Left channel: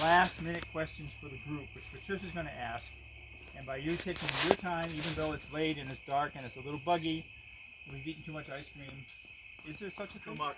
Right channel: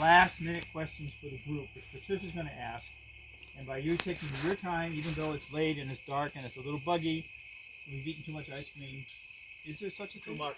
last-minute questions for the group, which Patricia's going to ask. And by you taking your time, even though it's late and it's dark and it's a little buggy, and we've eaten too much ice cream, is there such a thing? Too much.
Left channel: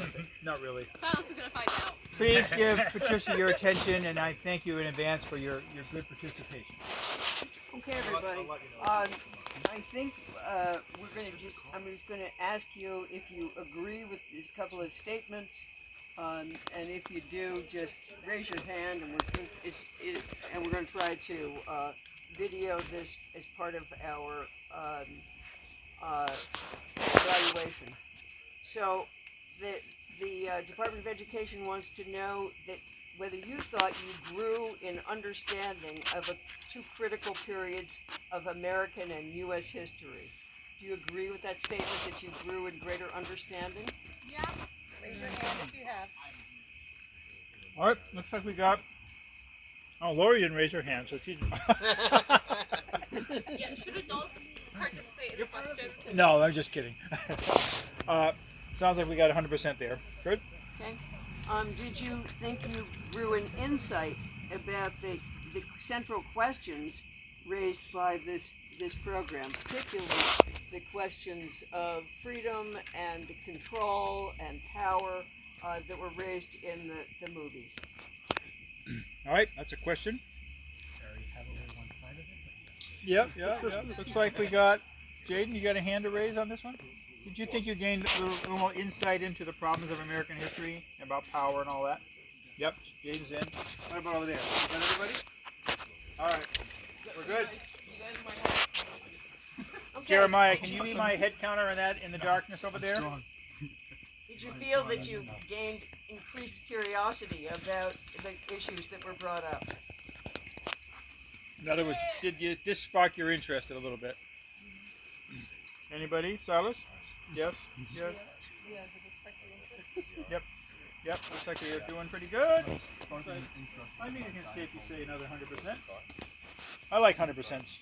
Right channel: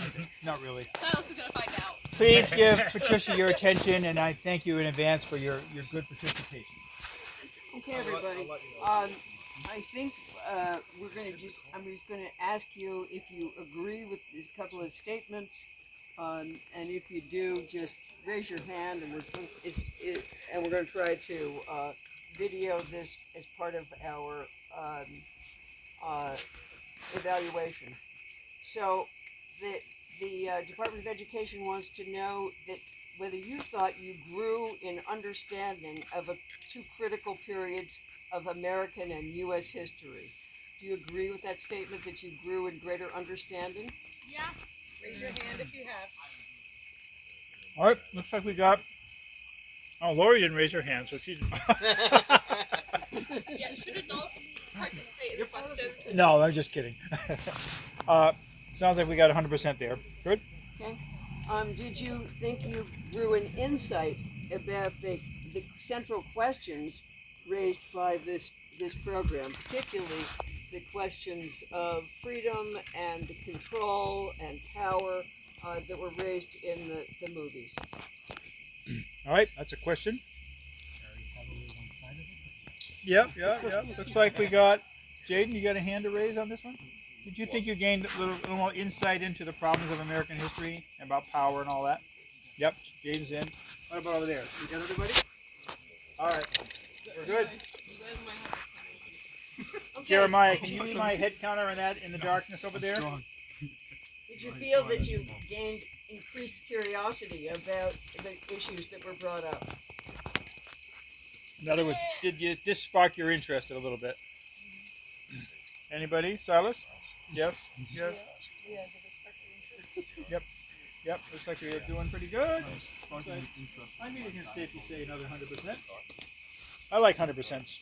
Okay, not really. Silas is going to find out. Please give Patricia your attention, and I thank you in advance for your good participation. Okay, everybody. I think I'm just going to ask you if you agree with a couple of statements, and if you do, just raise your hand, and we're going to try to video this as part of our evaluation. So the Department of Education wants to know that whether you thought you grew in understanding of two critical periods of American and U.S. history. Do you agree with that statement, that you grew in greater understanding? Yeah. Raise your hand if you have. All right, looks like we got... Oh, Lori didn't raise her hand, so she's... Yeah, should adults participate in the questions? No, I'm just kidding. Sounds like we got 100% there. Good? Okay. Did you think you grew an insight about the central questions raised by this program, particularly the questions of freedom and control and power that were raised in the movies? All right, that's a question. Very heavily one-sided. Yep. Looks like we got... Jaden, you got a hand to raise on this one? Did you think you gained a little more insight into the problems of American history, about power and all that? Yep, Jaden's in. What about over there? You got everybody? All right, we're good. Okay. Jeremiah, can you be my head counter on that in the darkness over there? Did you feel that you gained increased curiosity about the issues that were brought up? In other words, did this spark your interest a little bit? Anybody? Silas? Yes? Yes? Yeah, did this spark your interest? Yep, looks like we are doing pretty good. I think you can safely say another 100%. I like 100%.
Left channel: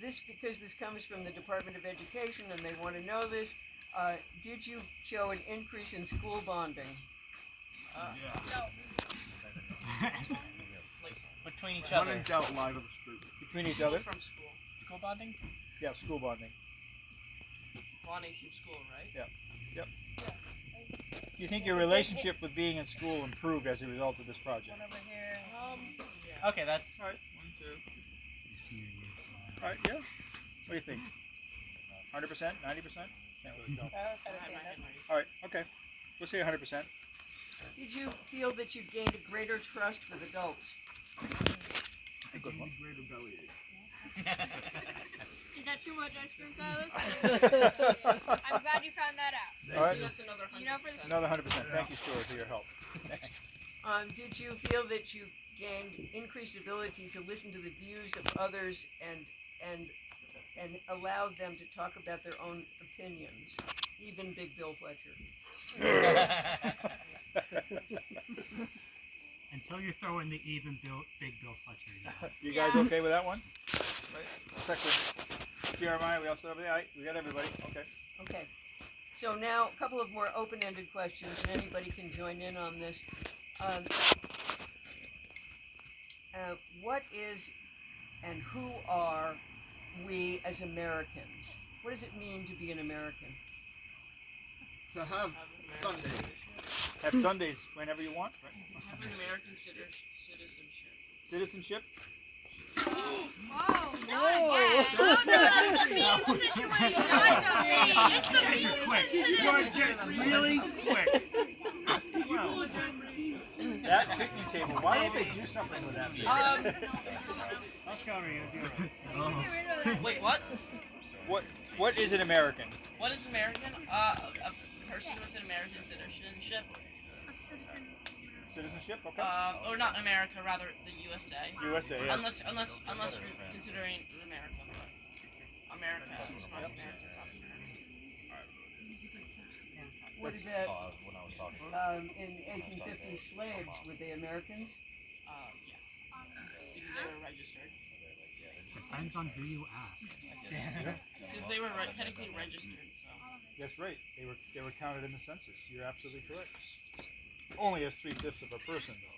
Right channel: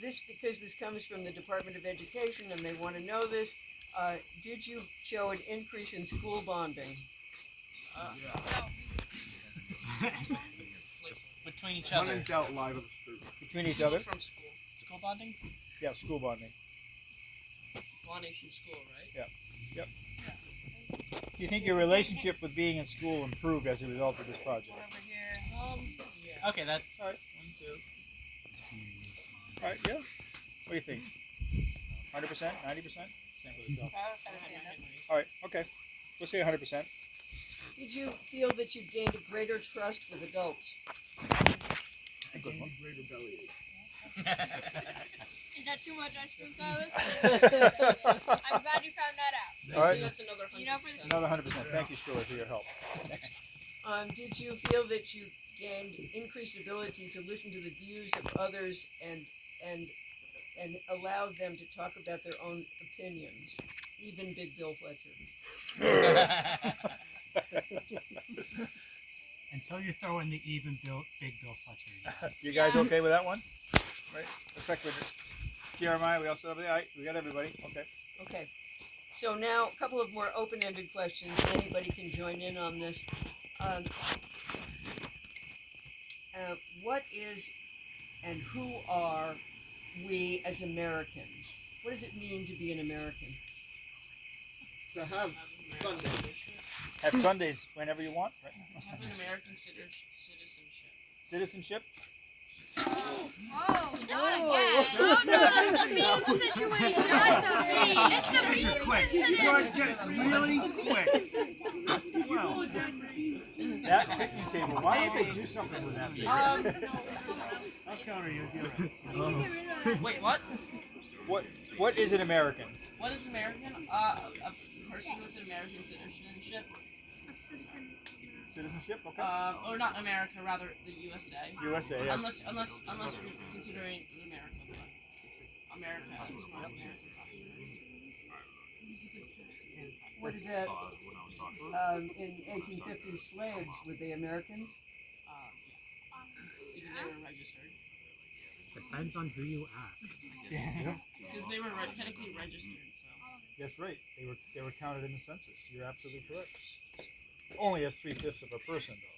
Because this comes from the Department of Education and they want to know this, did you show an increase in school bonding? Between each other. When in doubt, lie to the street. Between each other? From school. School bonding? Yeah, school bonding. Bonding from school, right? Yep. Do you think your relationship with being in school improved as a result of this project? Over here. Yeah. Okay, that's... All right, 1, 2. All right, yeah. What do you think? 100%? 90%? Can't really tell. Silas had his hand up. All right, okay. We'll say 100%. Did you feel that you gained a greater trust with adults? A good one. Greater bellyache. Is that too much ice cream, Silas? I'm glad you found that out. All right, That's another You know, for the another 100%. Thank you, Stuart, for your help. Next. Did you feel that you gained increased ability to listen to the views of others and allowed them to talk about their own opinions, even Big Bill Fletcher? Until you throw in the Big Bill Fletcher. Yeah. You guys okay with that one? Right. Looks like we're Jeremiah, we all set up there. All right, we got everybody. Okay. Okay. So now a couple of more open-ended questions, and anybody can join in on this. What is and who are we as Americans? What does it mean to be an American? To have Sundays. Have Sundays whenever you want. Right? Have American citizenship. Citizenship? Whoa, not again. Oh, no, that's a mean situation. That's a mean. It's gonna These are be quick. You are just really quick. Wow. That picnic table, why don't they do something with that thing? I'll counter you. You're right. You can get rid of that. Wait, what? What is an American? What is American? A person with an American citizenship. Citizenship? Okay. Or not America, rather the USA. USA, yes. Unless you're considering America, but America is North America, South America. What about in 1850s slaves? Were they Americans? Yeah. Because they were registered. Depends on who you ask. Because they were technically registered, so. That's right. They were counted in the census. You're absolutely correct. Only as 3/5 of a person, though.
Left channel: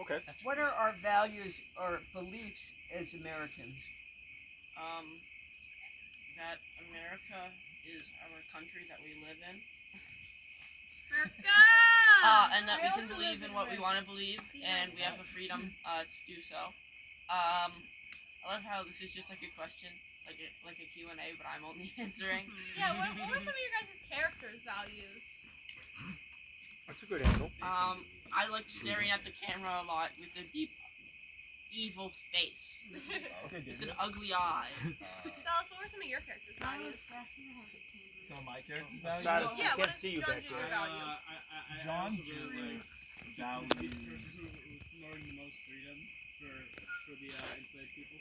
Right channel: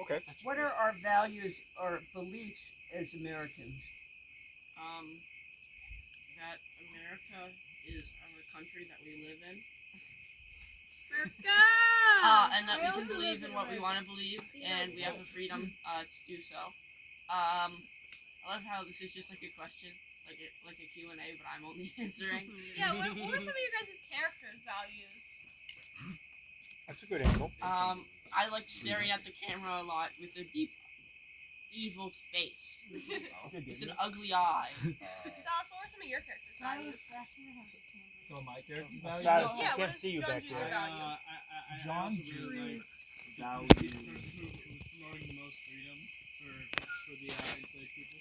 Okay. What are our values or beliefs as Americans? That America is our country that we live in. And that we can believe in what we want to believe, and we have the freedom to do so. I love how this is just like a question, like a Q&A, but I'm only answering. Yeah, what are some of your guys' characters' values? That's a good angle. I like staring at the camera a lot with a deep, evil face. With an ugly eye. Silas, what were some of your characters' values? So my character's Silas, value. I Yeah, what can't is see you John back Jr. there. value? John Jr. Jr. values promoting the most freedom for the enslaved people.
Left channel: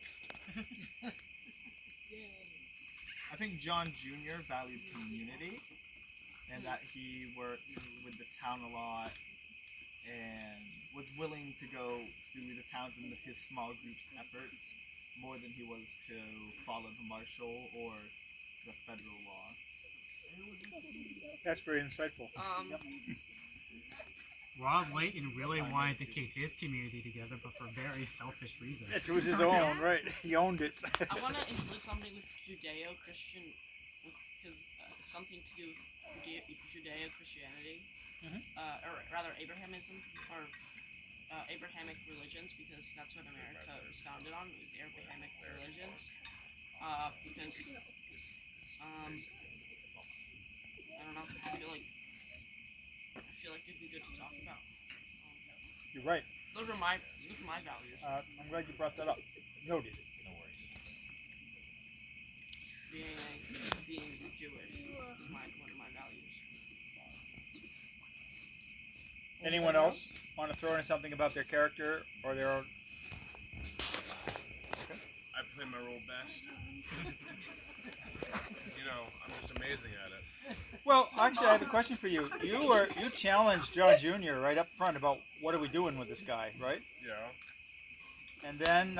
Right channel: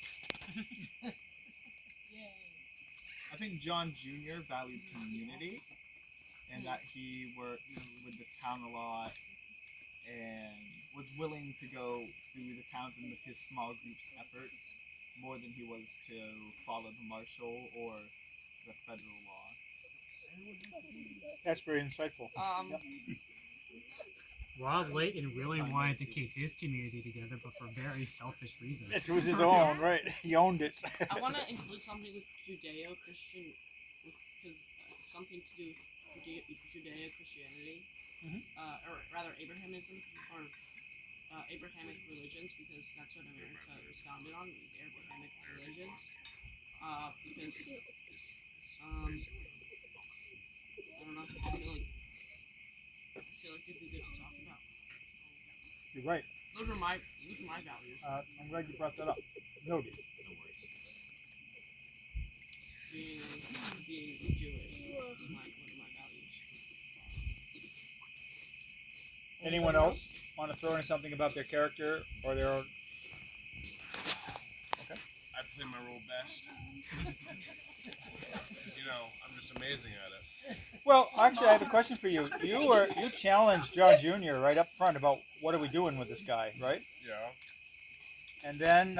I think John Jr. valued community, and that he worked with the town a lot, and was willing to go through the towns and his small group's efforts more than he was to follow the martial or the federal law. That's very insightful. Yep. Ronald Layton really wanted to keep his community together, but for very selfish reasons. It was his own, right? He owned it. I want to include something with Judeo-Christian, because something to do with Judeo-Christianity, or rather Abrahamism, or Abrahamic religions, because that's what America was founded on, was Abrahamic religions. Because, I don't know, I feel like it'd be good to talk about. You're right. Those are my values. I'm glad you brought that up. Noted. Being Jewish is one of my values. Anyone else want to throw in something about their character or their own? I play my role best. 'Cause, you know, I'm just amazing at it. Well, actually, I have a question for you. You challenged John Jr. right up front about what are we doing with this guy, right? Yeah. And then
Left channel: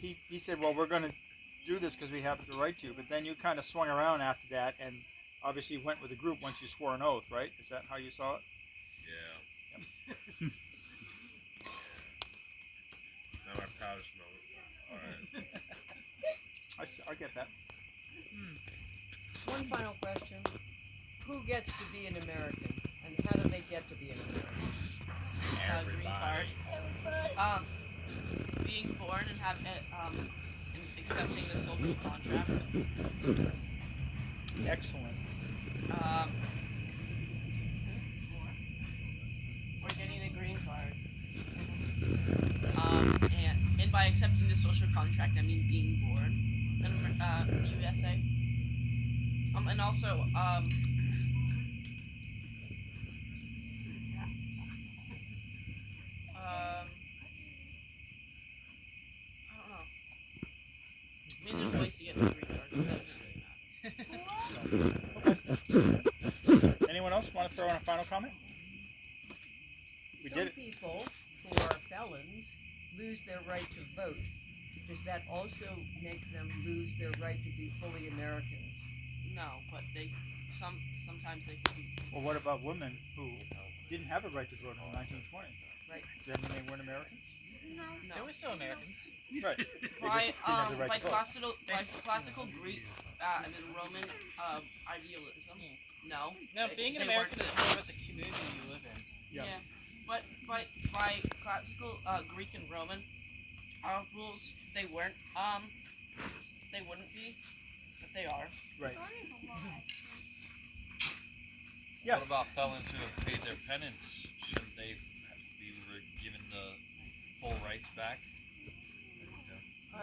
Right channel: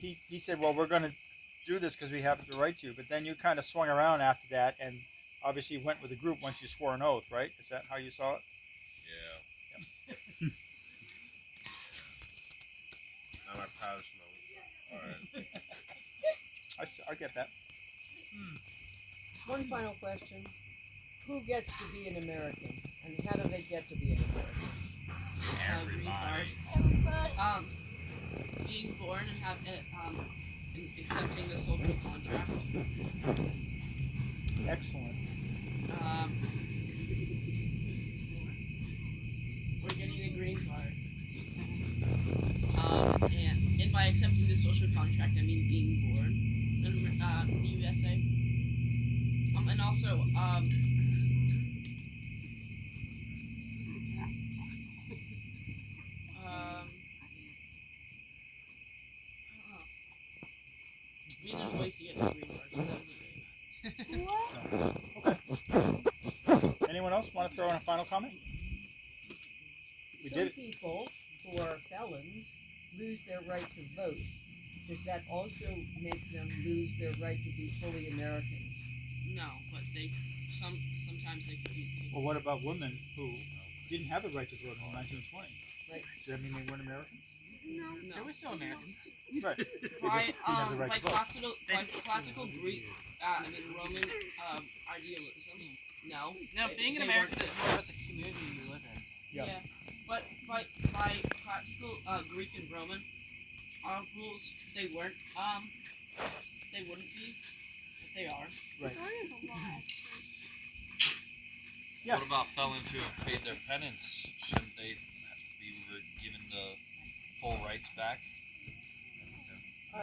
he said, well, we're going to do this because we have the right to. But then you kind of swung around after that and obviously went with the group once you swore an oath, right? Is that how you saw it? Yeah. Not my proudest moment. Alright. I get that. One final question. Who gets to be an American? And how do they get to be an American? Green card. Being born and and accepting the social contract. Excellent. We're getting a green card. And by accepting the social contract, I mean being born in the USA. And also, I don't know. I mean, there's ways to get the green card, so that doesn't really matter. Anyone else want to throw in a final comment? We Some did it. people who are felons lose their right to vote. Does that also make them lose their right to be fully Americans? No, but sometimes they can be. Well, what about women who didn't have a right to vote in 1920? Right. Does that mean they weren't Americans? No. They were still Americans. Right. They By just didn't have the right to vote. classical Greek and then Roman idealism. No. Now, being an they American weren't is more about the community you live in. Yeah. But by classical Greek and Roman rules, they weren't. They wouldn't be, but they are. Right. What Yes. about felons who have paid their penance? Shouldn't they be given the full rights back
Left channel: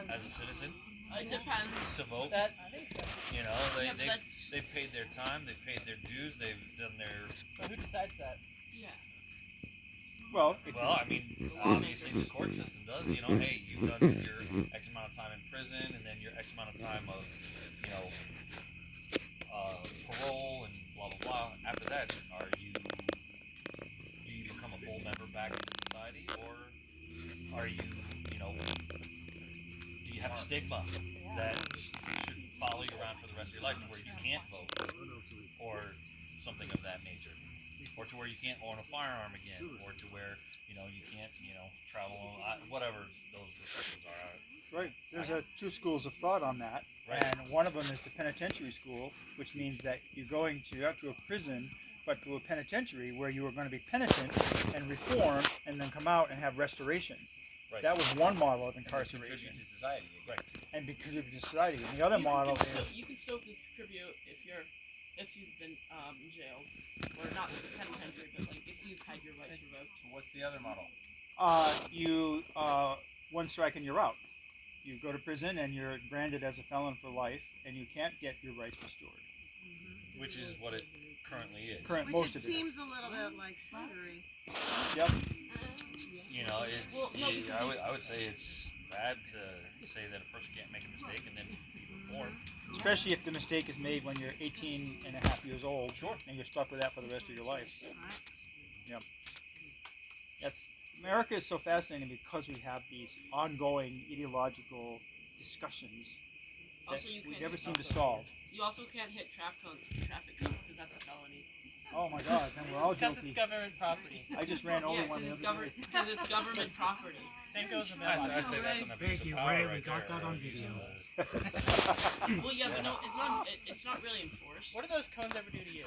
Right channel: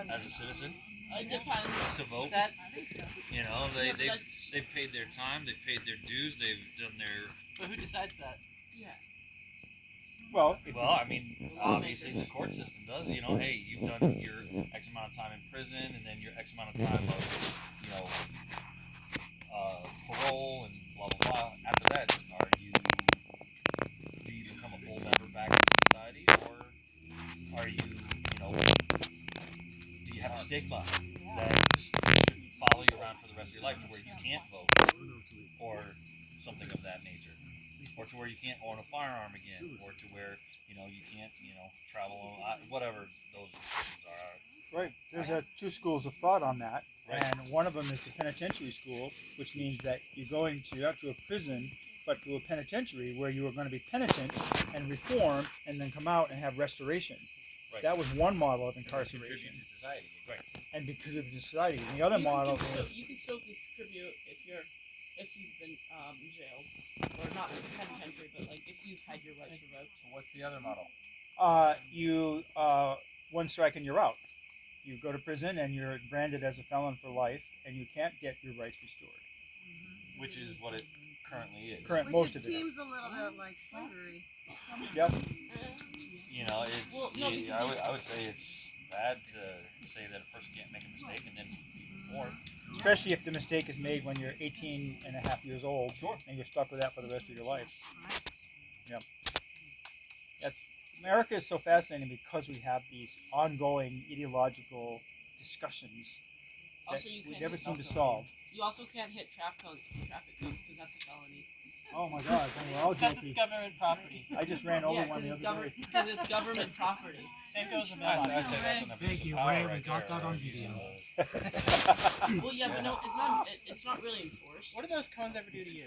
as a citizen It depends. to vote? That You know, Yeah, but they've paid their time, they've paid their dues, they've done their. But who decides that? yeah. Well, Well, I mean, obviously the court system does. You know, hey, you've done your X amount of time in prison, and then your X amount of time of, you know, parole and blah blah blah. After that, do you become a full member back in society, or are you, you know, do you have a stigma that should follow you around for the rest of your life to where you can't vote, or something of that nature? or to where you can't own a firearm again, or to where you can't travel whatever those restrictions are. Right. There's two schools of thought on that, Right. and one of them is the penitentiary school, which means that you're going to not to a prison, but to a penitentiary where you are going to be penitent and reform, and then come out and have restoration. Right. That was one model of And incarceration, contribute to society. Right. and contribute to society. And the other model is You can still contribute if you've been jailed, or not in the penitentiary, but like if you've had your rights revoked. So what's the other model? you one strike and you're out. You go to prison and you're branded as a felon for life, and you can't get your rights restored. Which is what it currently is. Most Which it of it. seems a little bit like slavery. Yep. I would say it's bad to say that a person can't make a mistake and then be reformed. Especially if the mistake is made when you're 18 and a half years old, and you're stuck with that for the rest of your life. Yep. America is so fascinating because we have these ongoing ideological discussions that Also, you we can't never hit seem to also- solve. You also can't hit traffic cones because that's a felony. Oh my God, we're all Because guilty. it's government property. I just ran over Yeah, one the other day. because it's government property. Same goes with I mailboxes. say that's an abuse Thank of you, power Ray, we right got there. that on or abuse video. of, Well, yeah, but no, it's not really enforced. What do those cones ever do to you?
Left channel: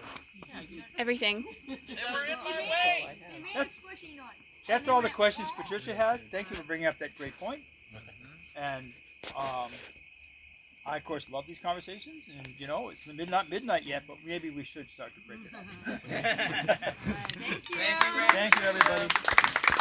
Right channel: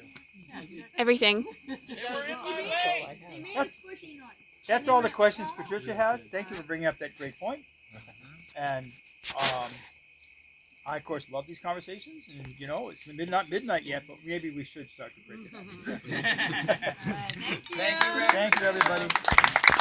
Everything. They were in my They way. made That's- a squishy noise. That's all the questions Patricia has. Thank you for bringing up that great point. And I, of course, love these conversations. And, it's not midnight yet, but maybe we should start to break it up. All right, thank you. Thank you, Ray. Thank you, everybody.